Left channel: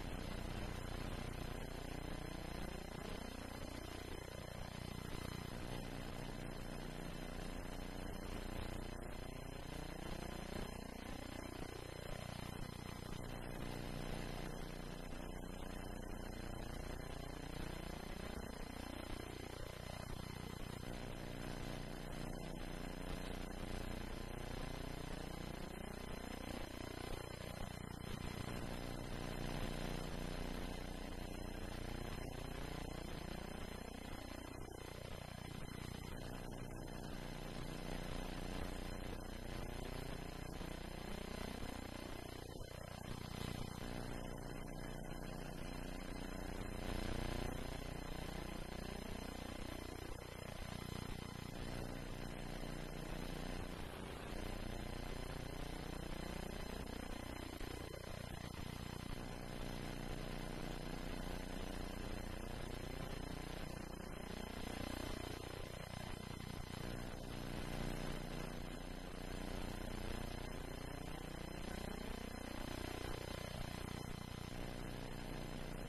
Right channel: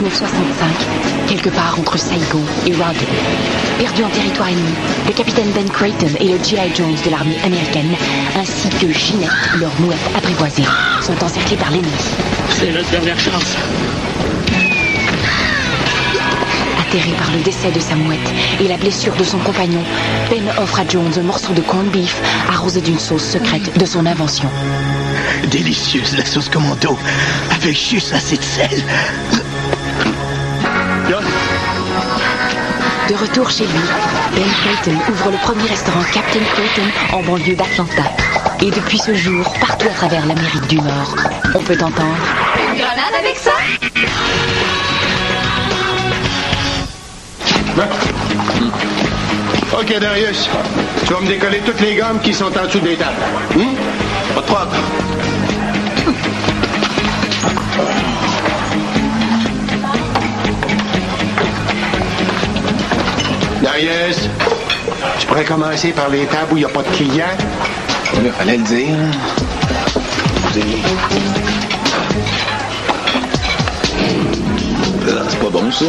1965, quelque part entre Saigon et Rawdon. Perdus en territoire ennemi, le capitaine Ben Creighton et le G.I. Jones de l'armée américaine, ainsi que Ginette, leur mouette apprivoisée, sont encerclés par l'ennemi. C'est notre dernière chance. Atterré par le décès de sa mouette et la blessure de son compagnon, Ben offre à Jones un morceau de corned beef arrosé d'une sauce secrète de son invention. Délicieuse la sauce commando, avec juste assez de sel. De retour chez lui, Ben Creighton ouvre le premier restaurant Captain Creighton en banlieue d'Atlanta. Et depuis ce jour, partout à travers l'Amérique du Nord, on peut entendre... Une grenade avec ça? OK, Darius. Tu vas me décoller toutes les gommes qui sont en dessous des tables. Pas de problème. Darius, tu pourrais commencer par les tables où il n'y a pas de clients? Il fallait le dire. C'est pas bon, ça.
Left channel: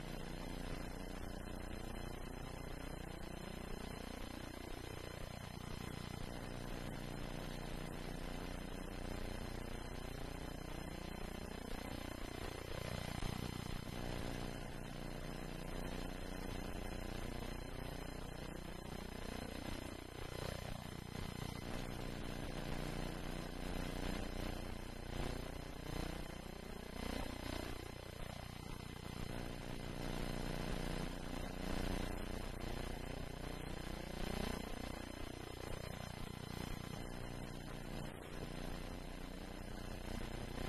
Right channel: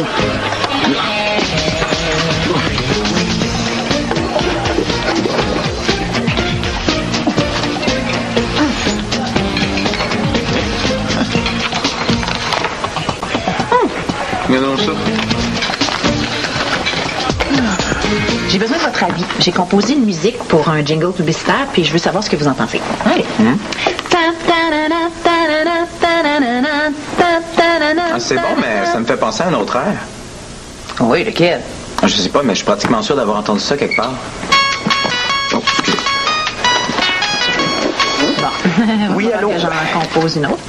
Regardons ça. J'ai besoin de votre avis. J'ai composé une musique pour un jingle publicitaire, puis je veux savoir ce que vous en pensez. Allez. Ah, c'est bon, mais ça me fait penser à un autre air. Oui, lequel? Je sais pas, mais je suis pratiquement sûr d'avoir entendu ça quelque part. Oh, excusez. Bon. Oui, allô? Que j'en compose une autre.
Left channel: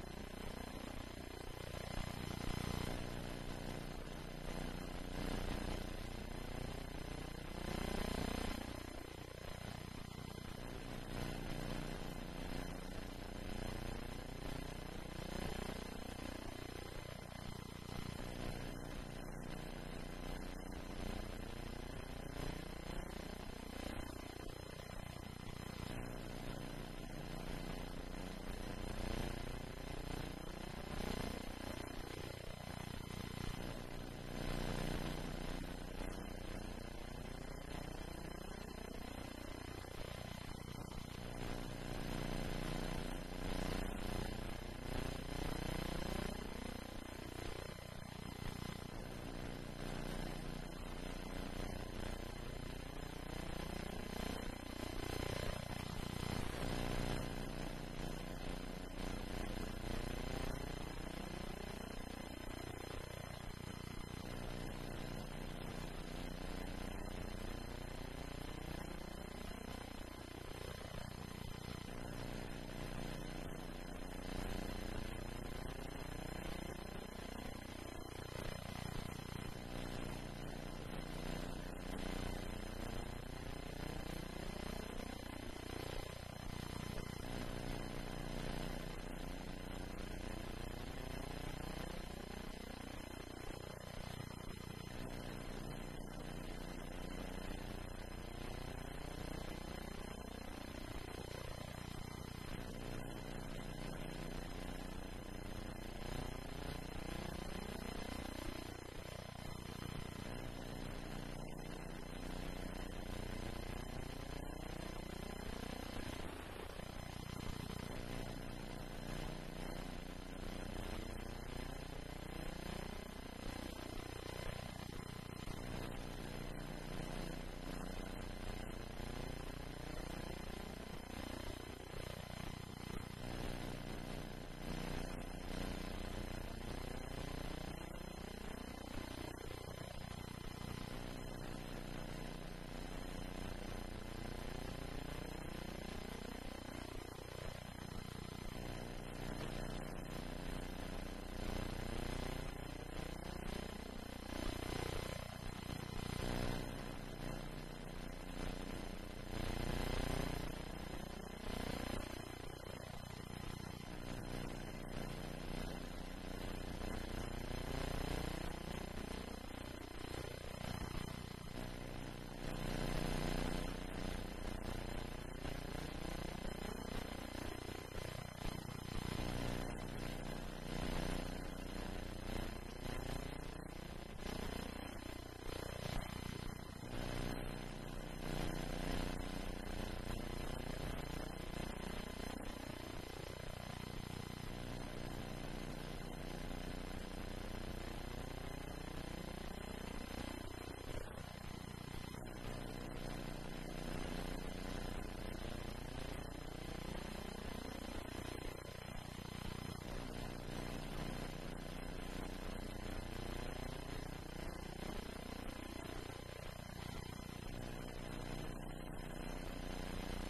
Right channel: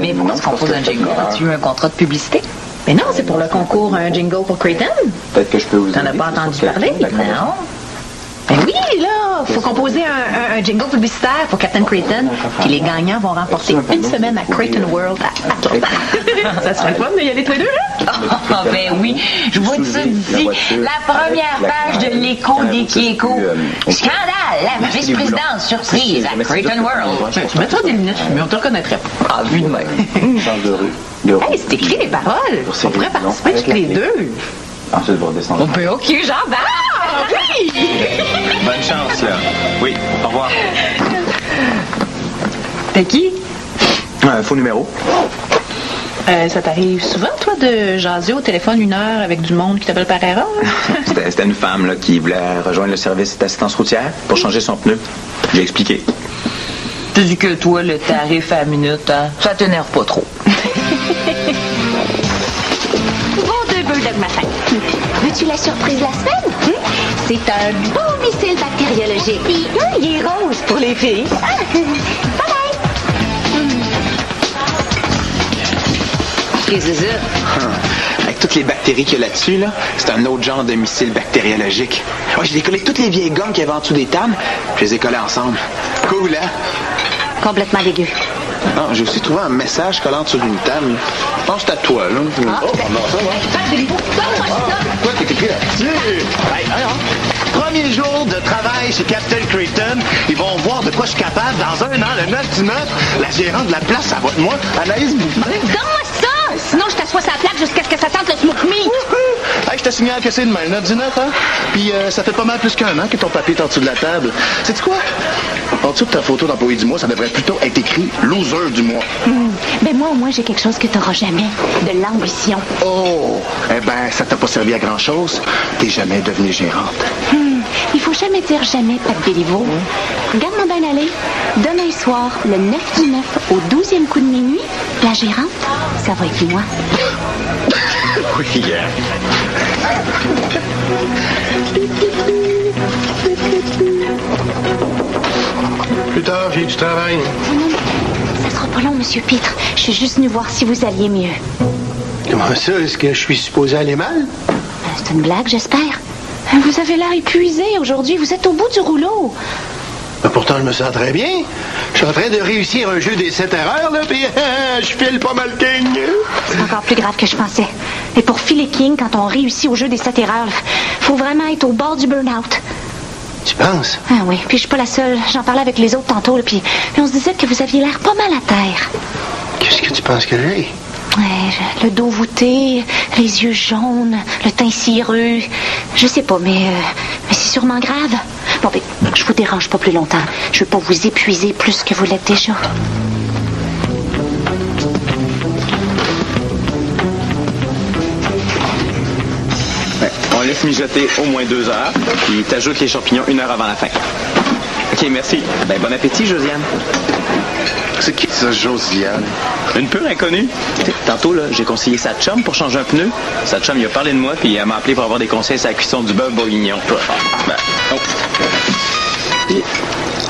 Mais pourquoi tu composes un jingle? As-tu eu un contrat de publicité? Mais non, c'est pour le concours Un jingle pour Creighton. Peut-être que je peux vous T'en as pas entendu parler? Non. Ben oui, là, faut composer un jingle publicitaire pour Captain Creighton. Puis les gagnants vont remporter une semaine à Creighton World à Atlanta. Ça serait fun de y aller tous les deux, là? Ah, ben oui. Je vois ça d'ici. La première page de l'écho des Kieko. Scandale! La vice-présidente surprise à Creighton World. Tu mettras des lunettes, mais on te reconnaîtrait pas. Ah, vu de même. Hey, c'est écrit les paroles. On pourrait participer tous les deux. Ensuite, vous redescendez. Ben OK, j'embarque! Oui! Bonne chance, là. Oui, au revoir. T'es qui? Faux numéro. Ça t'arrive souvent, toi, de jaser au téléphone 1 heure avec du monde qui t'appelle par erreur? C'était une femme là, qui voulait rejoindre le service d'assistance routière pour changer son pneu. J'ai expliqué. Tu dis que toi, le tarif à la minute, hein, ça t'énerve pas trop. Bon deux bulldog matin. Veux-tu la surprise de la semaine? C'est un beau missile bactériologique. Il est rose pour les filles. Bye bye. Qu'est-ce que c'est ça? Avec toutes les bactéries qu'il y a là-dessus, là, c'est un autre genre de missile bactériologique. Ouais, j'ai décollé toutes les vieilles gommes qu'il y avait en dessous des tables, je les ai collées ensemble. Cool, hein? Complètement dégueu. Ah, j'ai aussi trouvé un message collant sur une table. Je pense que c'est à toi, là. Ah, Oh, non, ça va. Quoi, t'es écrit là-dessus? Hey, premier jour de travail chez Captain Creighton. Ils vont voir de quoi je suis capable. Dans un an, le 9 du 9, la gérante de la place, ça va de moi. Anaïs Bouffin. Donne-moi ça! Sinon, je t'assois sa plaque jusqu'à ce que ça sente le smoke meat. Hey, je te signale que c'est demain, le 9 du 9, hein? Puis ça fait pas mal plus qu'un an que ton papier est en dessous de la table. Sais-tu quoi? En dessous de ta photo d'employé du mois, ça devrait plutôt être écrit « loser du mois ». Ben moi, au moins, j'ai quelque chose que t'auras jamais. De l'ambition. Oh! Eh ben, ça t'a pas servi à grand-chose. T'es jamais devenue gérante. Il faut jamais dire jamais, Pat Béliveau. Regarde-moi bien aller. Demain soir, le 9 du 9, au 12e coup de minuit, la gérante, ça va être moi. Oui, yeah. Plus tard, j'ai du travail. Ça sera pas long, Monsieur Pitre. Je suis juste venu voir si vous alliez mieux. Comment ça? Est-ce que je suis supposé aller mal? C'est une blague, j'espère. Vous avez l'air épuisé aujourd'hui. Vous êtes au bout du rouleau. Ben, pourtant, je me sens très bien. Je suis en train de réussir un jeu des 7 erreurs, là, puis je file pas mal king. C'est encore plus grave que je pensais. Et pour filer king, quand on réussit au jeu des 7 erreurs, faut vraiment être au bord du burn-out. Tu penses? Ah oui, puis je suis pas la seule. J'en parlais avec les autres tantôt, là, puis on se disait que vous aviez l'air pas mal à terre. Qu'est-ce que tu penses que j'ai? Ouais, le dos voûté, les yeux jaunes, le teint cireux. Je sais pas, mais c'est sûrement grave. Bon, ben, je vous dérange pas plus longtemps. Je veux pas vous épuiser plus que vous l'êtes déjà. On laisse mijoter au moins 2 heures, puis t'ajoutes les champignons 1 heure avant la fin. OK, merci. Ben, bon appétit, Josiane. C'est qui ça, Josiane? Une pure inconnue. T'sais, tantôt, là, j'ai conseillé sa chum pour changer un pneu. Sa chum, il a parlé de moi, puis elle m'a appelé pour avoir des conseils sur la cuisson du bœuf bourguignon. Ben, oh.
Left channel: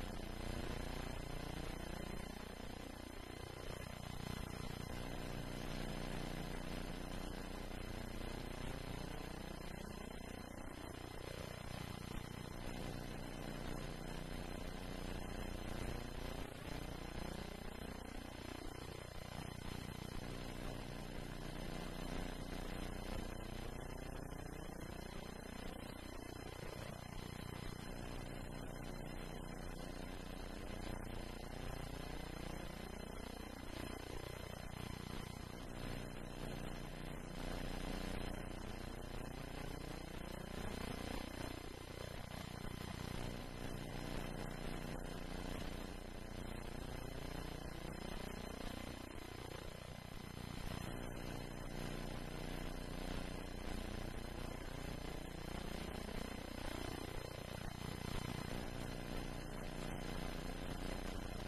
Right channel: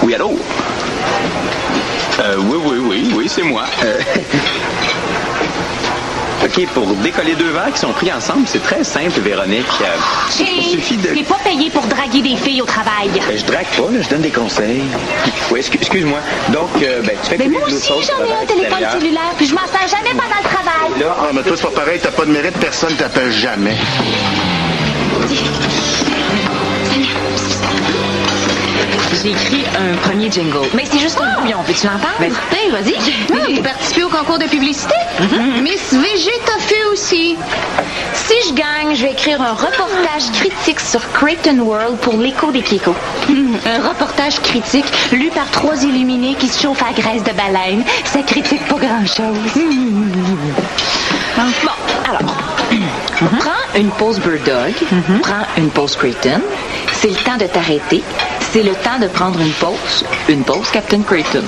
Oui, allô? Oui, c'est moi. OK, pour décoller 2 verres qui sont pris ensemble, c'est très simple, Véronique. Il suffit de... T'es pas payé pour draguer des filles au travail. Ben, je drague pas, là, je donne des conseils. Oui, excuse-moi. Donc, tu fais Mais moi aussi, j'en ai un téléphone cellulaire, puis je m'en sers jamais pendant le travail. Là, mais toi, c'est pas pareil, t'as pas de mérite, personne t'appelle jamais. J'ai écrit un premier jingle. Mais c'est juste un bouillon, peux-tu l'entendre? Ben, vas-y. Vous participez au concours de publicité? Miss VG t'a fait aussi. Si je gagne, je vais écrire un reportage critique sur Creighton World pour l'Écho des Kékos. Un reportage critique lu par 3 illuminés qui se chauffent à graisse de baleine. Ça critique pas grand-chose. Bon, alors, prends une pause Bird Dog, prends une pause Creighton. C'est le temps de t'arrêter. C'est le temps de prendre une pause Captain Creighton.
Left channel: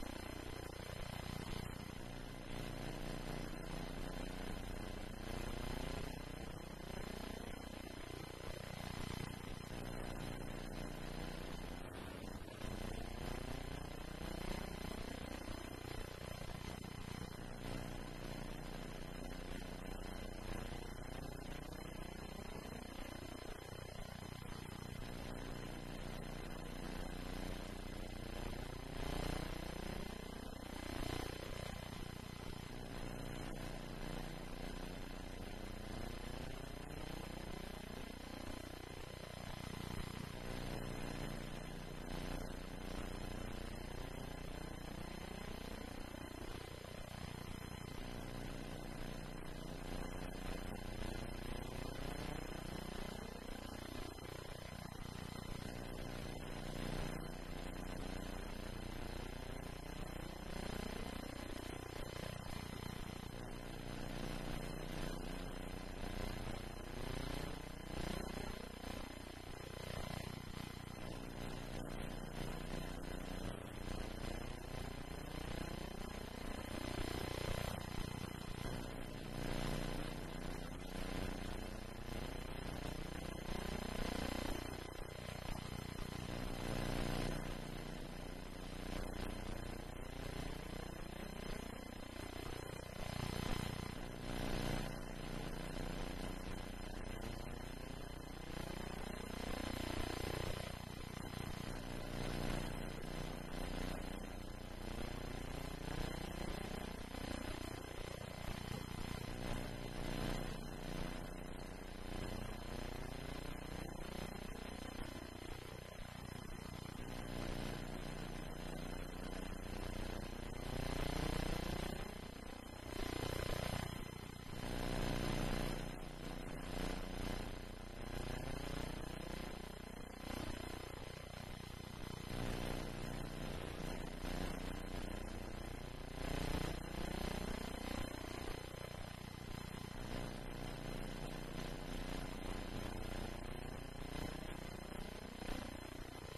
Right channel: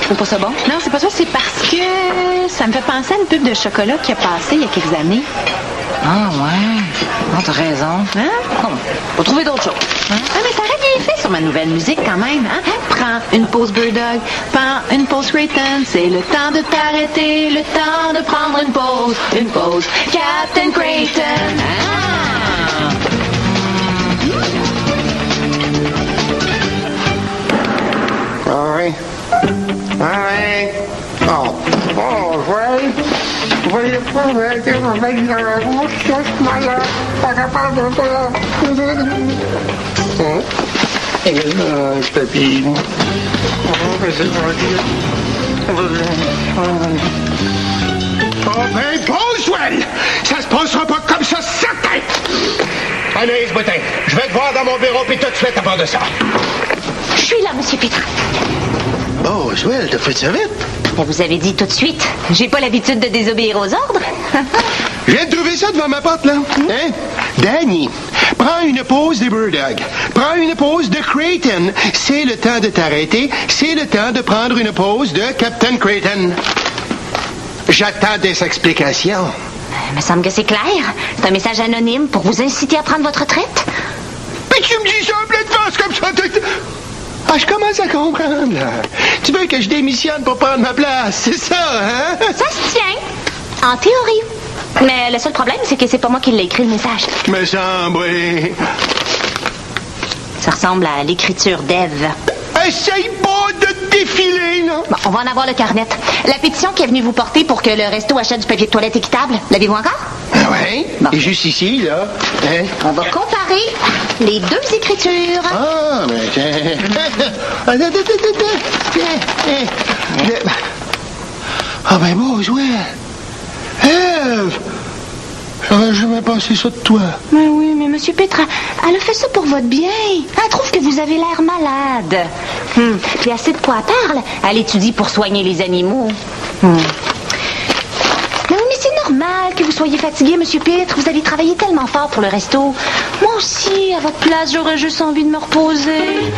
Tu trouves pas ça bon? Non, c'est pas ça, c'est parce que ça me fait penser à une pub de chocolat qui a passé il y a quelques années. Ah, ouais. Non, t'as raison. Hein? Bon, faut trouver d'autres choses. Ah, mais ça aurait bien fait sur ma nouvelle musique quand même. Hein? Prends une pause Bird Dog, prends une pause Creighton. C'est le temps de t'arrêter, le temps de prendre une pause Captain Creighton. Oui. Oh, oui. Voyez pas, papy. Oh, ben, Boswell! Ça se passera pas comme ça, certain! Anaïs Boutin, je vais te voir dans mon bureau, puis tout de suite à part de ça. Je suis là, Monsieur Pétrin. Oh, Boswell, t'as fait ça vite? Mais vous avez dit tout de suite. J'ai pas l'habitude de désobéir aux ordres. Je viens de trouver ça devant ma porte, là. Hein? Danny, prends une pause des Bird Dog. Prends une pause de Creighton. C'est le temps de t'arrêter. C'est le temps de prendre une pause de Captain Creighton. J'attends des explications. Il me semble que c'est clair. C'est un message anonyme pour vous inciter à prendre votre retraite. Mais tu me dis ça en pleine face comme ça. Ah, je commence à comprendre, là. Tu veux que je démissionne pour prendre ma place, c'est ça, hein? Ça se tient. En théorie. Mais le seul problème, c'est que c'est pas moi qui l'ai écrit, le message. Me semble, oui. Ça ressemble à l'écriture d'Ève. Essaye pas de défiler, là. Bon, on va en avoir le carnet. La pétition qui est venue vous porter pour que le resto achète du papier de toilette équitable, l'avez-vous encore? Oui. Bon. Et juste ici, là. Hein? On va comparer les 2 écritures. Ah, mais tiens. Ah, ben, Boswell. Ève! J'aurais jamais pensé ça de toi. Mais oui, mais Monsieur Pétrin, elle a fait ça pour votre bien. Elle trouve que vous avez l'air malade. Puis assez de quoi elle parle. Elle étudie pour soigner les animaux. Mais oui, mais c'est normal que vous soyez fatigué, Monsieur Pétre. Vous avez travaillé tellement fort pour le resto. Moi aussi, à votre place, j'aurais juste envie de me reposer.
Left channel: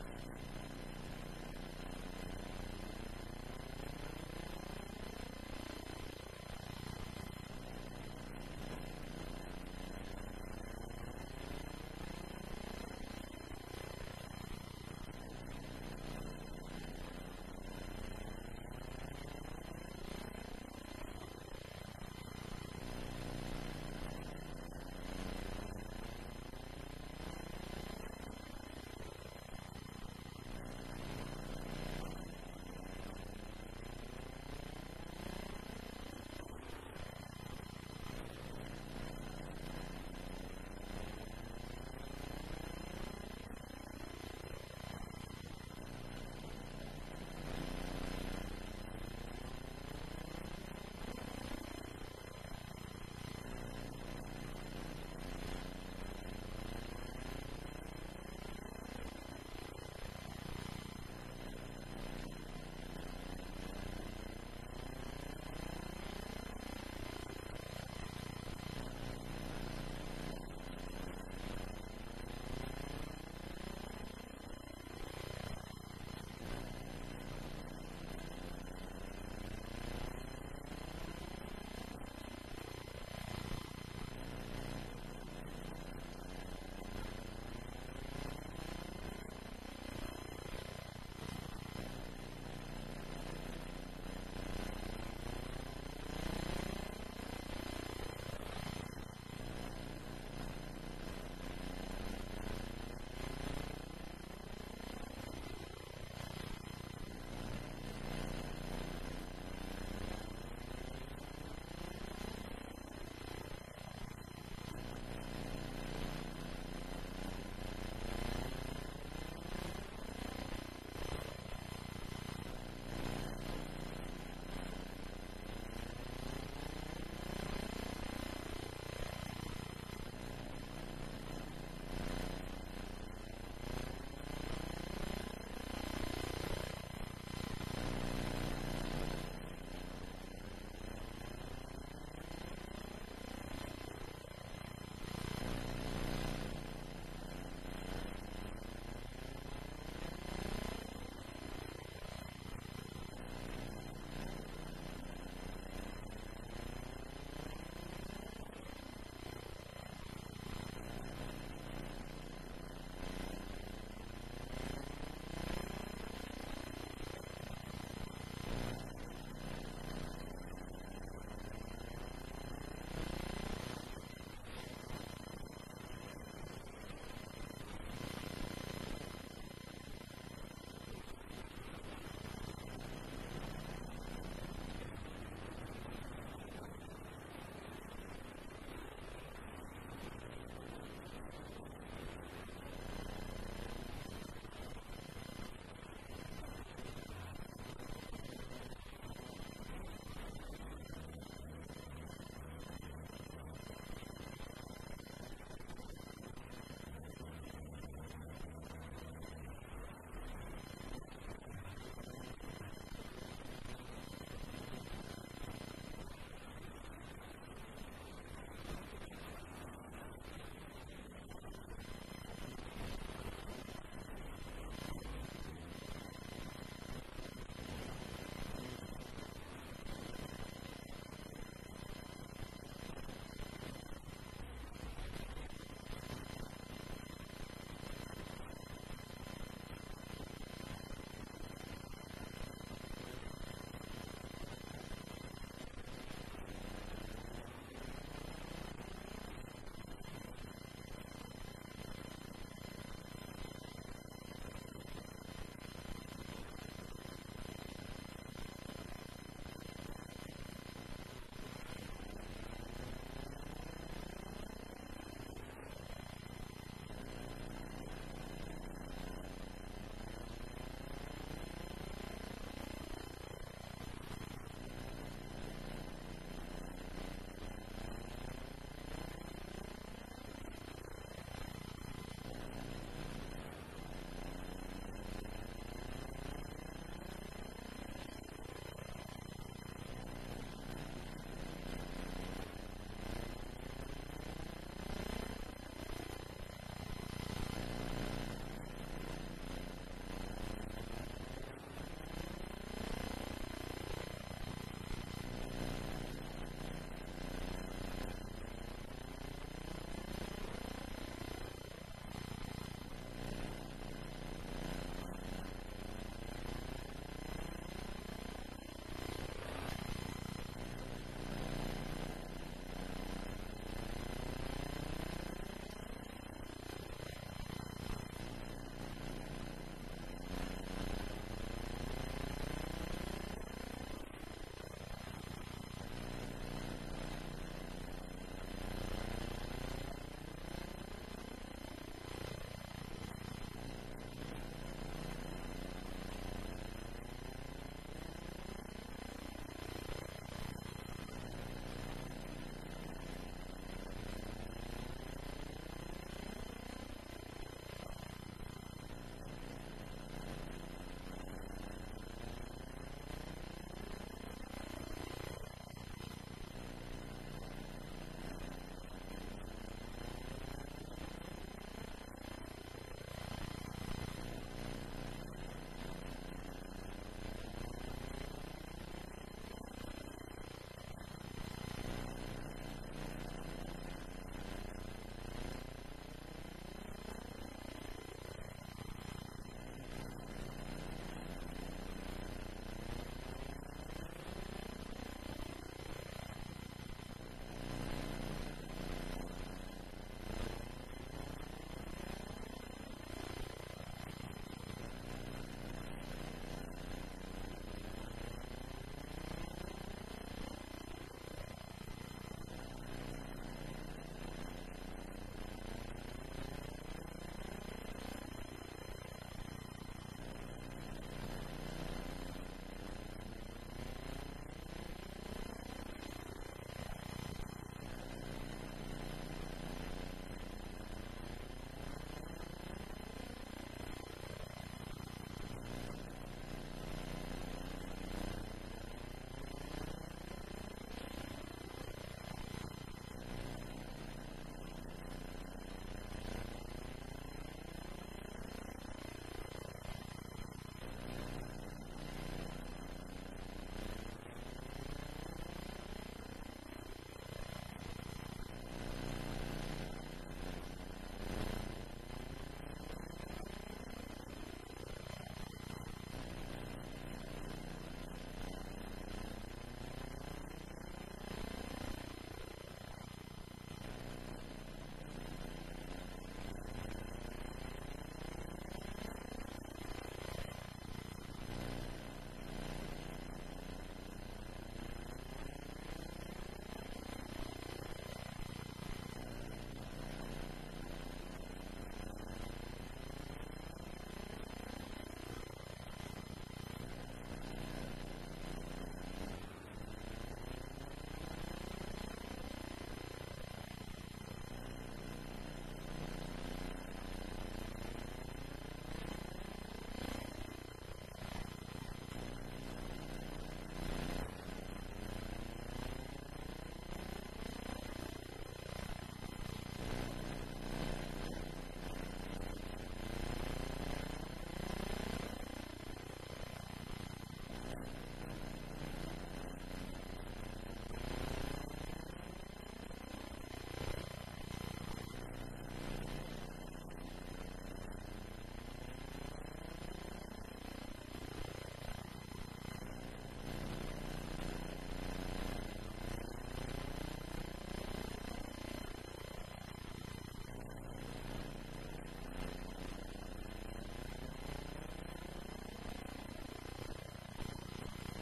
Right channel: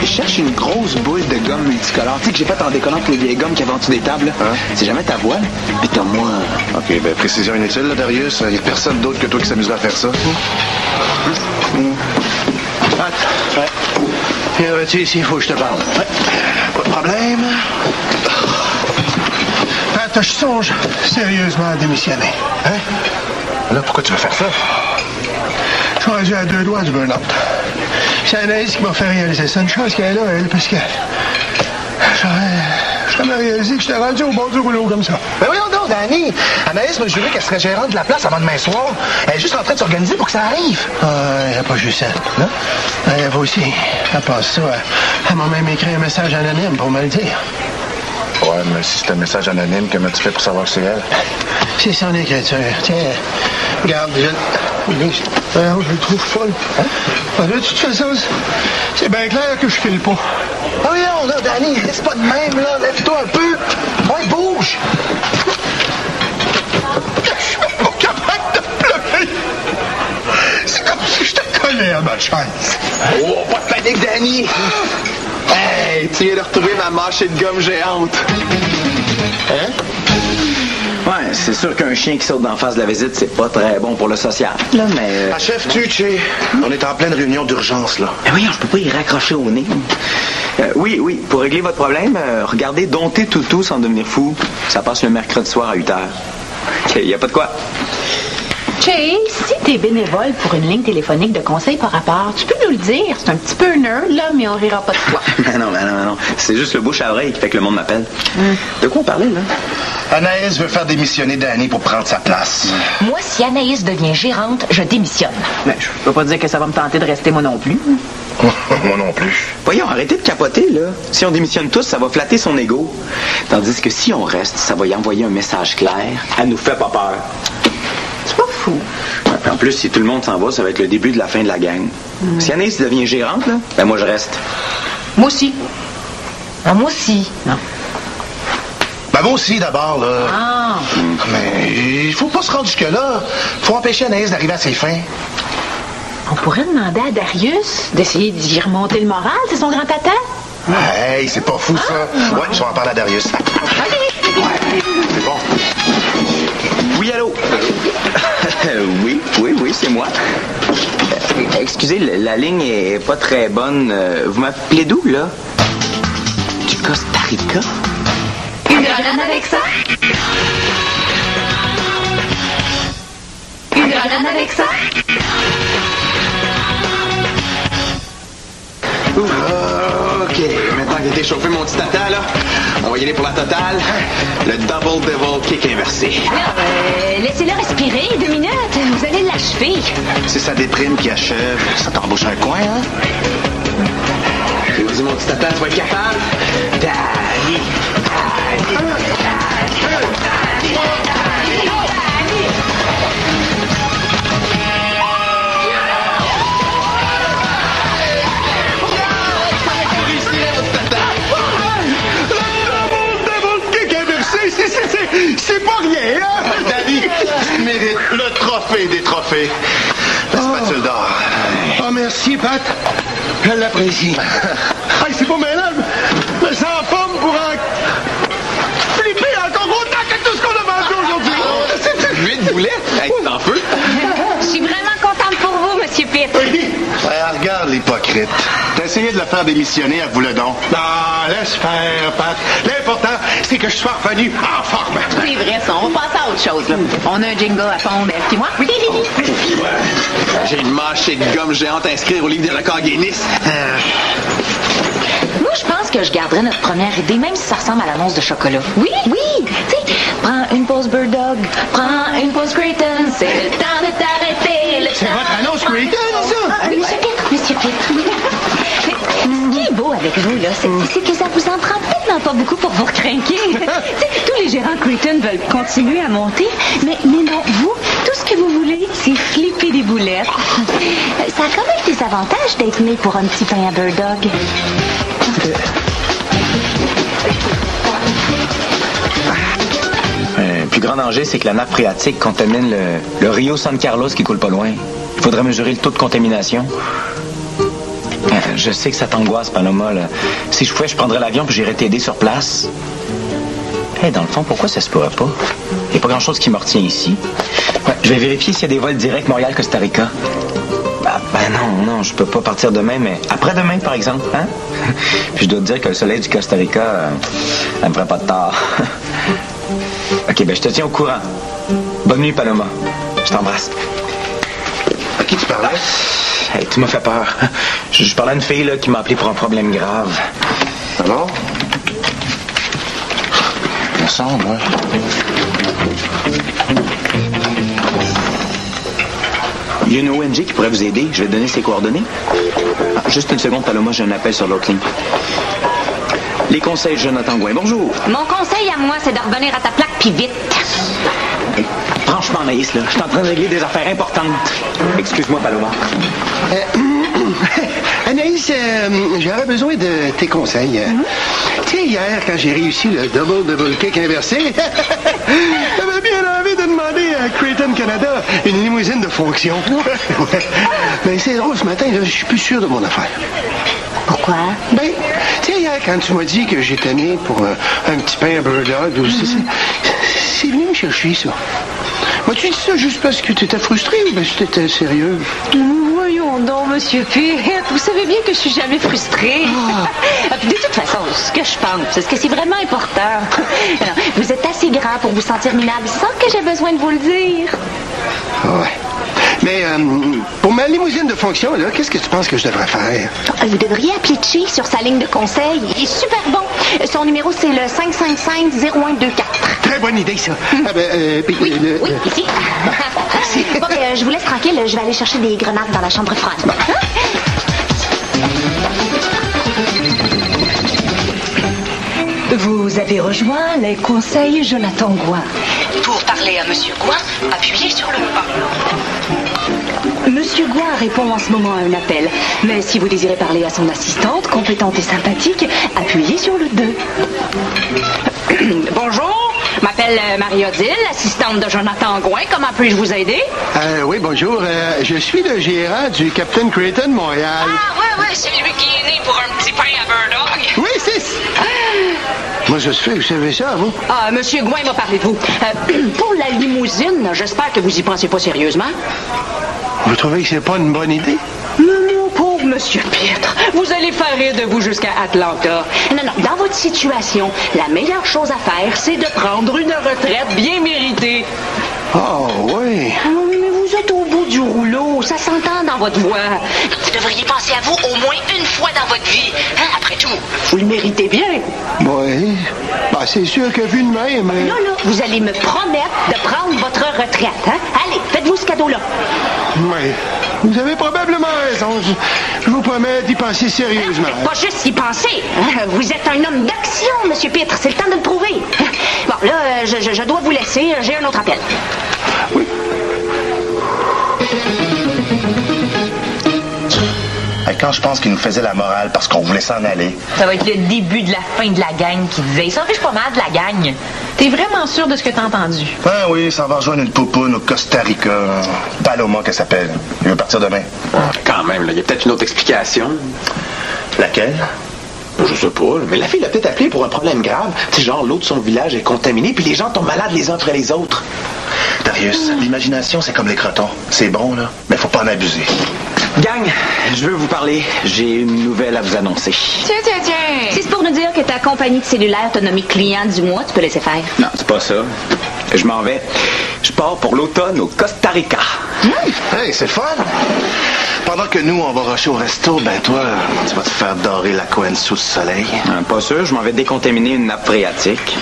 Je cherche une grosse boule de gomme multicolore. Tu sais que j'ai fait en décollant pour les vieilles gommes qu'il y avait en dessous des tables. Hein? C'est jamais ta voile. Puis t'as moi. OK, ben précision inutile, là, Darius. Il n'y a personne d'autre que toi qui s'amuserait à faire ça. Tu ici, il faut que je te parle. Ouais. Pas de problème. Attends, je songe sérieusement à démissionner. Hein? Là, pourquoi tu veux faire ça? Je suis rendu à 2 doigts du burn-out. C'est Anaïs qui m'a fait réaliser ça. Une chance qu'elle est là, elle, parce que jamais réalisé que j'étais rendu au bord du rouleau comme ça. Ben voyons donc, Danny. Anaïs m'a juré qu'elle serait gérante de la place avant demain soir. Elle est juste en train de s'organiser pour que ça arrive. Elle n'a pas juste ça, non? Elle va aussi. Elle passe ça. Elle m'a même écrit un message anonyme pour me le dire. Ouais, mais si c'est un message anonyme, comment tu fais pour savoir que c'est elle? C'est son écriture. Tiens, regarde, je le trouve folle. Hein? De toute façon, c'est bien clair que je file pas. Ah oui, non, là, Danny, reste pas de même, là. Lève-toi un peu. Ouais, bouge. Je suis pas capable de pleurer. C'est comme si je te collais à ma chaise. Oh, pas de panique, Danny. Hey, tu viens de retrouver ma mâchée de gomme géante. Hein? Ouais, c'est sûr qu'un chien qui saute d'en face de la visite, c'est pas très bon pour le social, là, mais... Achèves-tu, Che? On est en pleine réunion d'urgence, là. Mais voyons, je peux pas y raccrocher au nez. Oui, pour régler votre problème, regardez Dompter Toutou sans devenir fou. Ça passe le mercredi soir à 8h. OK, y a pas de quoi. Che, si t'es bénévole pour une ligne téléphonique de conseil par rapport, tu peux nous le dire. C'est un petit peu nerd, là, mais on rira pas de toi. non. C'est juste le bouche à oreille qui fait que le monde m'appelle. De quoi on parlait, là? Anaïs veut faire démissionner Danny pour prendre sa place. Moi, si Anaïs devient gérante, je démissionne. Mais je peux pas dire que ça va me tenter de rester moi non plus. Moi non plus. Voyons, arrêtez de capoter, là. Si on démissionne tous, ça va flatter son ego. Tandis que si on reste, ça va y envoyer un message clair. Elle nous fait pas peur. C'est pas fou. En plus, si tout le monde s'en va, ça va être le début de la fin de la gang. Si Anaïs devient gérante, là, ben moi, je reste. Moi aussi. Ah, moi aussi. Non. Ben moi aussi, d'abord, là. Ah. Mais il faut pas se rendre jusque-là. Faut empêcher Anaïs d'arriver à ses fins. On pourrait demander à Darius d'essayer d'y remonter le moral, c'est son grand tata. Hey, c'est pas fou, ça. Ouais, je vais en parler à Darius. Ouais, c'est bon. Oui, allô? Oui, c'est moi. Excusez, la ligne est pas très bonne. Vous m'appelez d'où, là? Du Costa Rica? Une grenade avec ça? Une grenade avec ça? OK, maintenant que t'es chauffé, mon petit tata, là, on va y aller pour la totale. Le Double Devil Kick inversé. Laissez-le respirer 2 minutes. Vous allez l'achever. C'est sa déprime qui achève. Ça t'embauche un coin, hein? Vas-y, mon petit tata, tu vas être capable? Danny! C'est pas rien, hein? Danny, tu mérites le trophée des trophées. La spatule d'or. Oh, merci, Pat. Je l'apprécie. Hey, c'est pas malade. Mais c'est en forme pour en flipper encore autant que tout ce qu'on a vendu aujourd'hui. 8 boulettes? Hey, t'en feu? Je suis vraiment contente pour vous, Monsieur Pitt. Ouais, regarde l'hypocrite. T'as essayé de le faire démissionner, avoue-le donc. Non, laisse faire, Pat. L'important, c'est que je sois revenu en forme. C'est vrai, ça. On va passer à autre chose, là. On a un jingle à fond, Beth puis moi. J'ai une mâchée de gomme géante à inscrire au livre des records Guinness. Moi, je pense que je garderais notre première idée, même si ça ressemble à l'annonce de chocolat. Oui. Tu sais, prends une pause Bird Dog, prends une pause Creighton, c'est le temps de t'arrêter. C'est votre annonce Creighton, ça? Monsieur Pitt. Ce qui est beau avec vous, là, c'est que ça vous en prend tellement pas beaucoup pour vous recrinquer. Tous les gérants Creighton veulent continuer à monter, mais non, vous, tout ce que vous voulez, c'est flipper des boulettes. Ça a quand même des avantages d'être né pour un petit pain à Bird Dog. Le plus grand danger, c'est que la nappe phréatique contamine le Rio San Carlos qui coule pas loin. Il faudrait mesurer le taux de contamination. Je sais que ça t'angoisse, Paloma, là. Si je pouvais, je prendrais l'avion puis j'irais t'aider sur place. Hey, dans le fond, pourquoi ça se pourrait pas? Il n'y a pas grand-chose qui me retient ici. Ouais, je vais vérifier s'il y a des vols directs Montréal-Costa Rica. Non, je peux pas partir demain, mais après-demain, par exemple, hein? Puis je dois te dire que le soleil du Costa Rica, ça me ferait pas de tort. OK, je te tiens au courant. Bonne nuit, Paloma. Je t'embrasse. À qui tu parlais? Hey, tu m'as fait peur. Je parlais à une fille là, qui m'a appelé pour un problème grave. Alors? ressemble, ouais. Il y a une ONG qui pourrait vous aider. Je vais te donner ses coordonnées. Ah, juste une seconde, Paloma, j'ai un appel sur l'autre ligne. Les conseils de Jonathan Gouin, bonjour. Mon conseil à moi, c'est de revenir à ta plaque, puis vite. Franchement, Anaïs, là, je suis en train de régler des affaires importantes. Excuse-moi, Paloma. Anaïs, j'aurais besoin de tes conseils. Tu sais, hier, quand j'ai réussi le double kick inversé, j'avais bien envie de demander à Creighton Canada une limousine de fonction. Ouais. Mais c'est drôle, ce matin, là, je suis plus sûr de mon affaire. Pourquoi? Ben, tu sais, hier, quand tu m'as dit que j'étais né pour un petit pain à Birdog, c'est venu me chercher, ça. M'as-tu dit ça juste parce que tu étais frustré ou parce que tu étais sérieux? Voyons donc, Monsieur Pitt. Vous savez bien que je suis jamais frustrée. De toute façon, ce que je pense, c'est que c'est vraiment important. Alors, vous êtes assez grand pour vous sentir minable sans que j'ai besoin de vous le dire. Ouais. Mais pour ma limousine de fonction, là, qu'est-ce que tu penses que je devrais faire? Vous devriez appeler Chi sur sa ligne de conseil. Il est super bon. Son numéro, c'est le 555-0124. Très bonne idée, ça. Oui, ici. Bon, je vous laisse tranquille. Je vais aller chercher des grenades dans la chambre froide. Vous avez rejoint les conseils Jonathan Gouin. Pour parler à Monsieur Gouin, appuyez sur le 1. Monsieur Gouin répond en ce moment à un appel. Mais si vous désirez parler à son assistante, compétente et sympathique, appuyez sur le 2. Bonjour, je m'appelle Marie-Odile, assistante de Jonathan Gouin. Comment puis-je vous aider? Oui, bonjour. Je suis le gérant du Captain Creighton Montréal. Ah, ouais, c'est lui qui est né pour un petit pain à Birdog. Oui, c'est ça. Moi, ça se fait, vous savez ça, vous? Ah, Monsieur Gouin va parler de vous. Pour la limousine, j'espère que vous y pensez pas sérieusement. Vous trouvez que c'est pas une bonne idée? Mon pauvre Monsieur Pitre, vous allez faire rire de vous jusqu'à Atlanta. Non, dans votre situation, la meilleure chose à faire, c'est de prendre une retraite bien méritée. Oh, oui. Mais vous êtes au bout du rouleau, ça s'entend dans votre voix. Vous devriez penser à vous au moins une fois dans votre vie. Après tout, vous le méritez bien. Oui. Ben, c'est sûr que vu de même... Là, vous allez me promettre de prendre votre retraite. Allez, faites-vous ce cadeau-là. Oui. Vous avez probablement raison. Je vous promets d'y penser sérieusement. Pas juste y penser. Vous êtes un homme d'action, Monsieur Pitre. C'est le temps de le prouver. Bon, là, je dois vous laisser. J'ai un autre appel. Oui. Quand je pense qu'il nous faisait la morale parce qu'on voulait s'en aller. Ça va être le début de la fin de la gang qui disait. Il s'en fiche pas mal de la gang. T'es vraiment sûr de ce que t'as entendu? Ah oui, ça va rejoindre une poupoune au Costa Rica. Paloma, qu'elle s'appelle. Il veut partir demain. Quand même, il y a peut-être une autre explication. Laquelle? Je sais pas, mais la fille l'a peut-être appelé pour un problème grave. Tu sais, genre, l'eau de son village est contaminée, puis les gens tombent malades les uns après les autres. Darius, l'imagination, c'est comme les crotons. C'est bon, là, mais faut pas en abuser. Gang, je veux vous parler. J'ai une nouvelle à vous annoncer. Tiens. Si c'est pour nous dire que ta compagnie de cellulaire t'a nommé client du mois, tu peux laisser faire. Non, c'est pas ça. Je m'en vais. Je pars pour l'automne au Costa Rica. Hey, c'est fun! Pendant que nous, on va rusher au resto, ben toi, tu vas te faire dorer la Cohen sous le soleil. Pas sûr, je m'en vais décontaminer une nappe phréatique.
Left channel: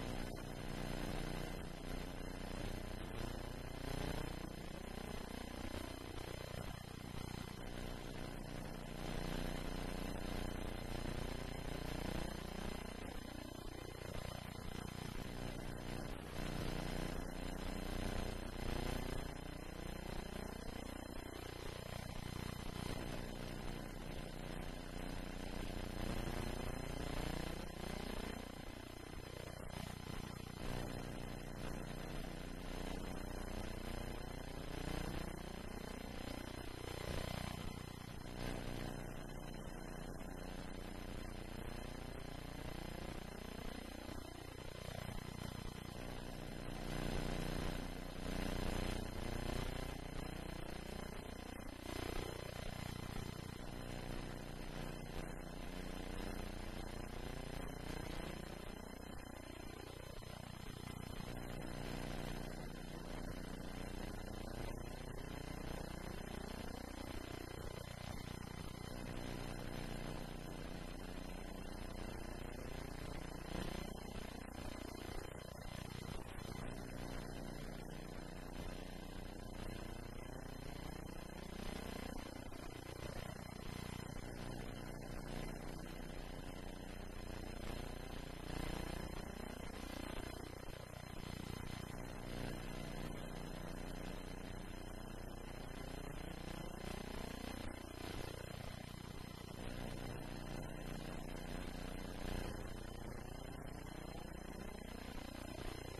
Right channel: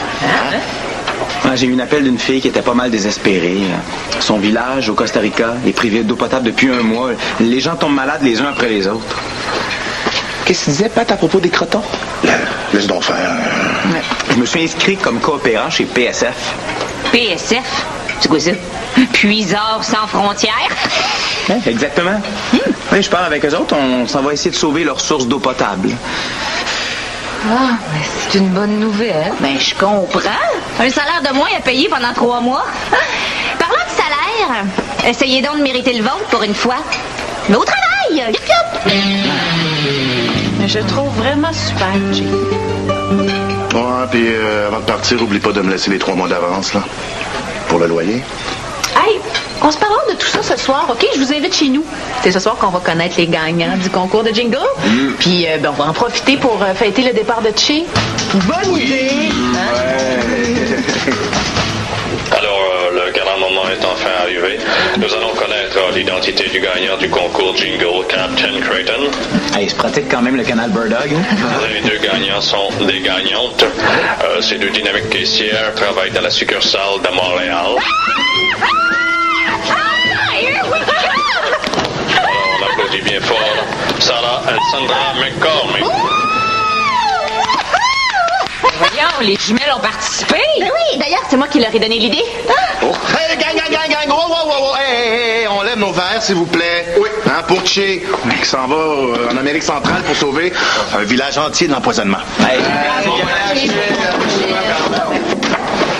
J'ai eu un appel d'une fille qui était pas mal désespérée. Son village, au Costa Rica, est privé d'eau potable depuis un mois. Les gens tombent malades les uns après les autres. Qu'est-ce que tu disais, Pat, à propos des crotons? Laisse donc faire. Je me suis inscrit comme coopérant chez PSF. PSF? C'est quoi ça? Puiseurs sans frontières? Exactement. Oui, je parle avec eux autres. On s'en va essayer de sauver leur source d'eau potable. Ah, c'est une bonne nouvelle. Ben, je comprends. Un salaire de moins à payer pendant 3 mois. Parlant de salaire, essayez donc de mériter le vôtre pour une fois. Mais au travail! Yup, yup! Je le trouve vraiment super, Jay. Ouais, puis avant de partir, oublie pas de me laisser les 3 mois d'avance, là. Pour le loyer. Hey, on se parlera de tout ça ce soir, OK? Je vous invite chez nous. C'est ce soir qu'on va connaître les gagnants du concours de jingle. Puis, on va en profiter pour fêter le départ de Chi. Bonne idée! Alors, le grand moment est enfin arrivé. Nous allons connaître l'identité du gagnant du concours Jingle, Captain Creighton. Hey, il se pratique quand même le canal Bird Dog. Les deux gagnants sont des gagnantes. Ces deux dynamiques caissières travaillent dans la succursale de Montréal. Alors, on applaudit bien fort Sarah et Sandra McCormick. Voyons, les jumelles ont participé. Ben oui, d'ailleurs, c'est moi qui leur ai donné l'idée. Oh. Hey, gang! Wow. Hey, on lève nos verres, s'il vous plaît. Oui. Hein, pour Che, qui s'en va en Amérique centrale pour sauver un village entier de l'empoisonnement. Hey.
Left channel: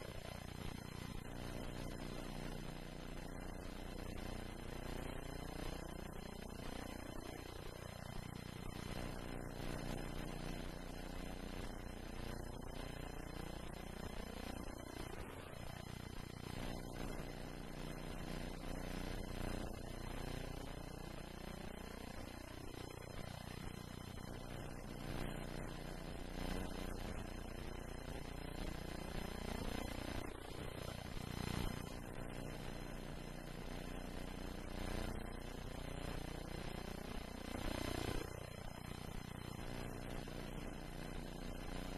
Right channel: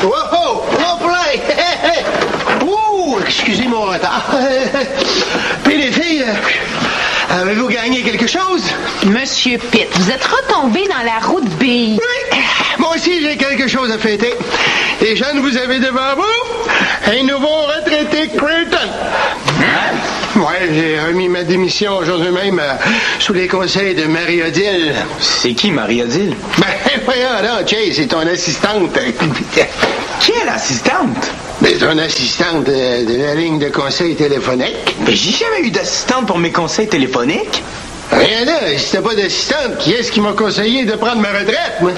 Wow! Play! Hey. Ouh, excusez mon retard. Puis les filles, avez-vous gagné quelque chose? Monsieur Pitt, vous êtes retombé dans la roue de bille. Oui. Moi aussi, j'ai quelque chose à fêter. Les jeunes, vous avez devant vous un nouveau retraité Creighton. Ouais, j'ai remis ma démission aujourd'hui même sous les conseils de Marie-Odile. C'est qui, Marie-Odile? Ben, voyons, là, Chase, c'est ton assistante. Quelle assistante? Ben, ton assistante de la ligne de conseil téléphonique. Mais j'ai jamais eu d'assistante pour mes conseils téléphoniques. Rien là, si t'as pas d'assistante, qui est-ce qui m'a conseillé de prendre ma retraite, moi?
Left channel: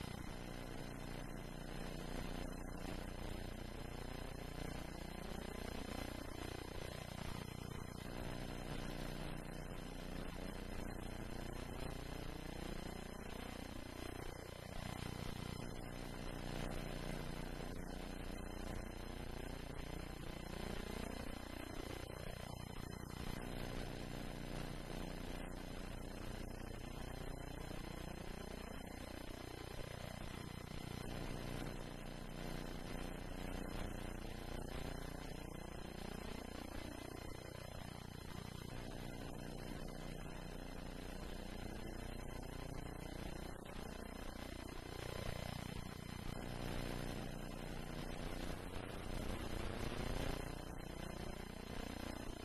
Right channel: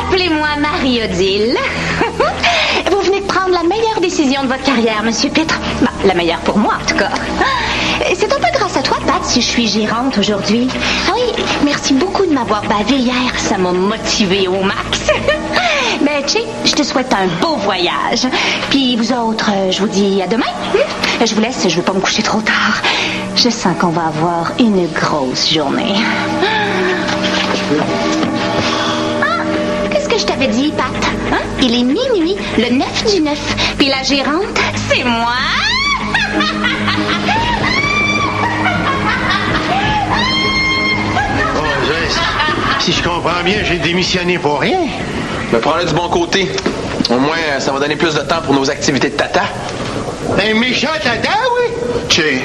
Appelez-moi Marie-Odile. Vous venez de prendre la meilleure décision de votre carrière, Monsieur Pitt. Bah, la meilleure pour moi, en tout cas. C'est un peu grâce à toi, Pat, si je suis gérante aujourd'hui. Ah oui, merci beaucoup de m'avoir bavé hier. Ça m'a motivée au max. Ben, Che, je te souhaite un beau voyage. Puis vous autres, je vous dis à demain. Je vous laisse, je veux pas me coucher trop tard. Je sens qu'on va avoir une grosse journée. Qu'est-ce que je t'avais dit, Pat? Hein? Il est minuit, le 9 du 9. Puis la gérante, c'est moi. Si je comprends bien, j'ai démissionné pour rien. Mais prends-le du bon côté. Au moins, ça va donner plus de temps pour nos activités de tata. Un méchant tata, oui? Che,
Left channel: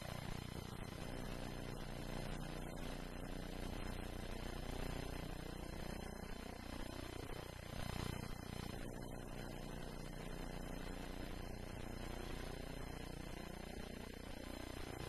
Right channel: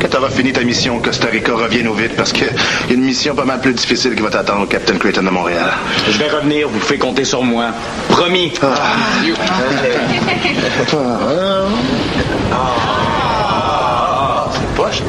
quand tu auras fini ta mission au Costa Rica, reviens au vite parce qu'il y a une mission pas mal plus difficile qui va t'attendre au Captain Creighton de Montréal. Je vais revenir, vous pouvez compter sur moi. Promis. C'est poche.